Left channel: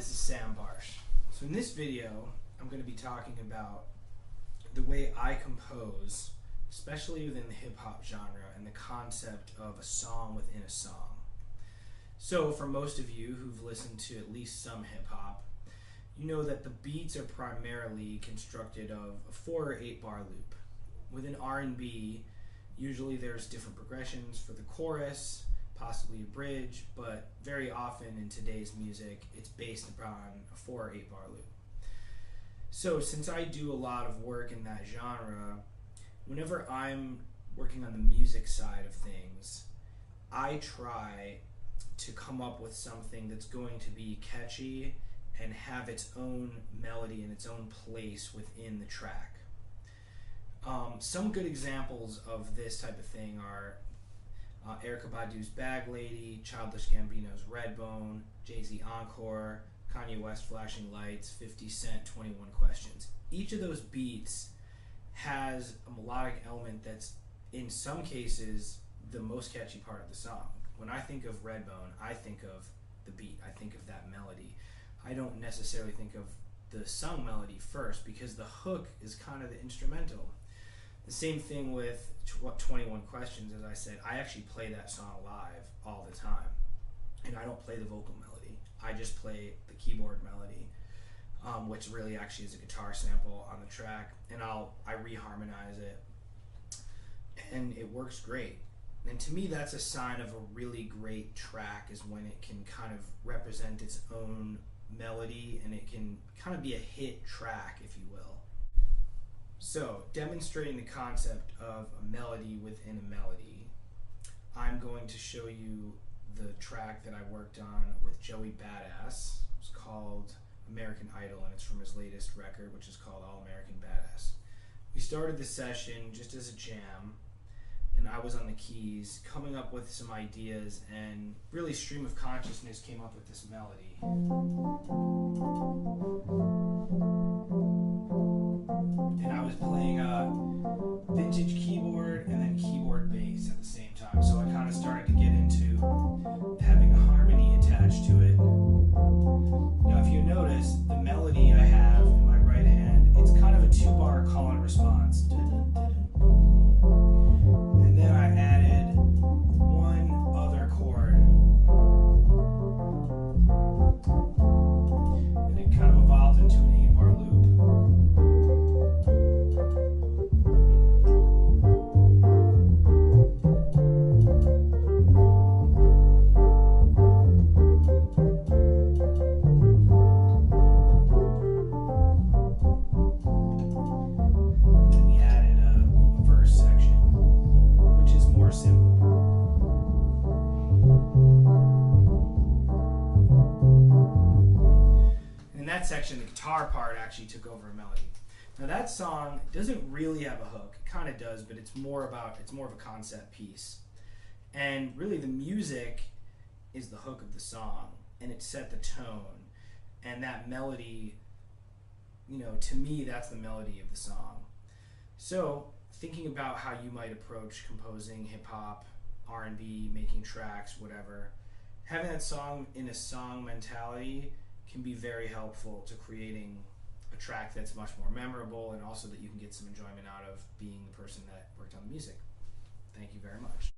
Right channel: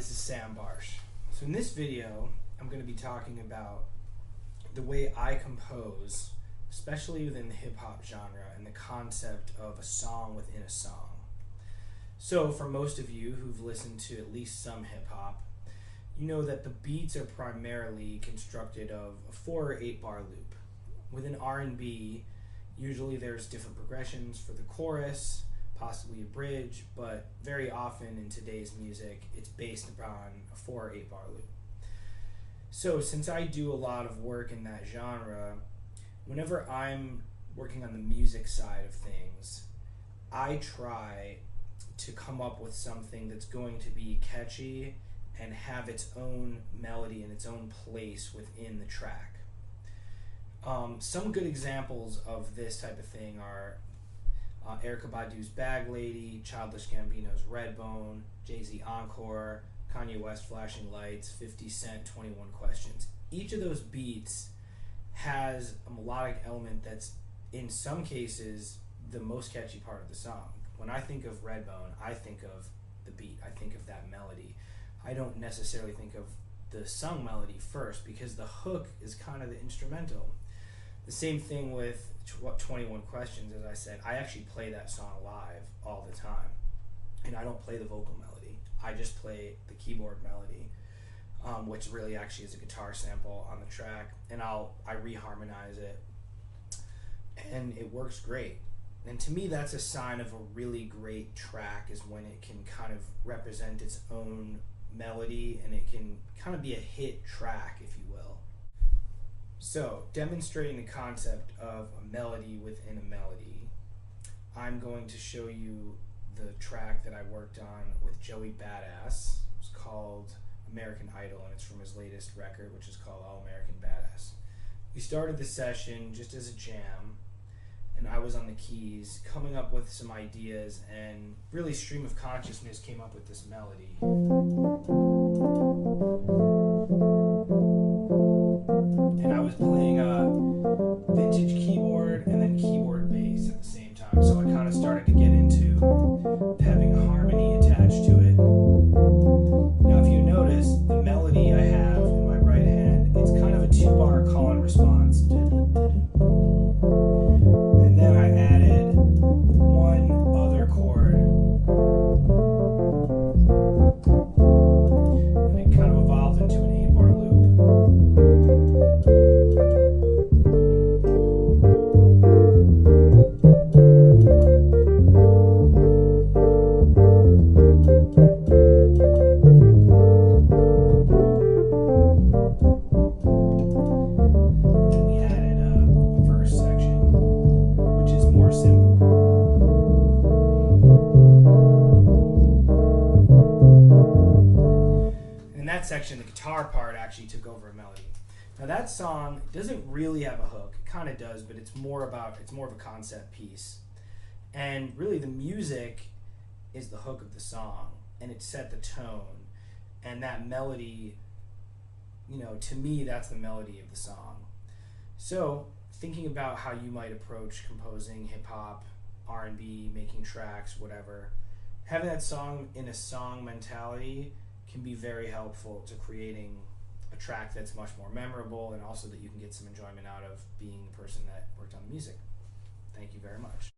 this is Sam Barsh. So in this video, I'm going to be talking about the way I compose, especially within the hip-hop genre, and the concept of a song within a song. So for most of you who've listened to at least some hip-hop, you know that the beats are primarily constructed of a 4 or 8 bar loop. Within R&B, usually there's different progressions for the chorus, possibly a bridge, but very often in today's music, it's based upon a 4 or 8 bar loop. So since I do a lot of work in that genre, whenever I'm working on the music side of things, I try to come up with something that's going to be catchy and have its own melody and its own place within the track. Some good examples of this type of thing are Erykah Badu's Bag Lady, Childish Gambino's Redbone, Jay-Z Encore, Kanye West Flashing Lights, 50 Cent 21 Questions. Each of those beats has a melodic element that's in some cases the most catchy part of the song. When I think of Redbone, I think of the beat, I think of that melody. I don't necessarily think of the sung melody first because the hook is kind of the instrumental. The same thing with 21 Questions, as I said. I actually play that song live all the time, and I don't play the vocal melody. I just play the keyboard melody, which really actually is a guitar sample on the track, and I reharmonize it, and it works great. And to me, that's a sign of a really great track, is when it can kind of represent its own melody and it can kind of be a hit track, if you will. So, demonstrating the concept of a melody within a melody, I'm going to show you the track that I worked on with Joey Badass. It's called American Idol, and it's from his latest record, which is called All American Badass. We started the session just as a jam, and I was on the keys, coming up with some ideas, and really stream of consciousness came up with this melody. And I was playing vintage keyboard and then keyboard bass at the same time, so I kind of started to get into having a harmony attached to it. Now if you notice, the melody I have in my right hand, it's kind of a 2-bar call and response. And then I added one other chord, and it kind of evolved into an 8-bar loop. And then we added a verse section, which is more simple. In that section, the guitar part actually took over a melody. Now that song doesn't really have a hook. It kind of does, but it's more of a concept piece. And really the music is the hook of the song, and it set the tone. And that melody, to me, that's the melody of the song. So thinking about how you might approach composing hip-hop, R&B, making tracks, whatever, having that song in a song mentality can be very helpful to creating a track that's much more memorable, and also that you can get some enjoyment out of being the person that worked on the music. Thank you very much.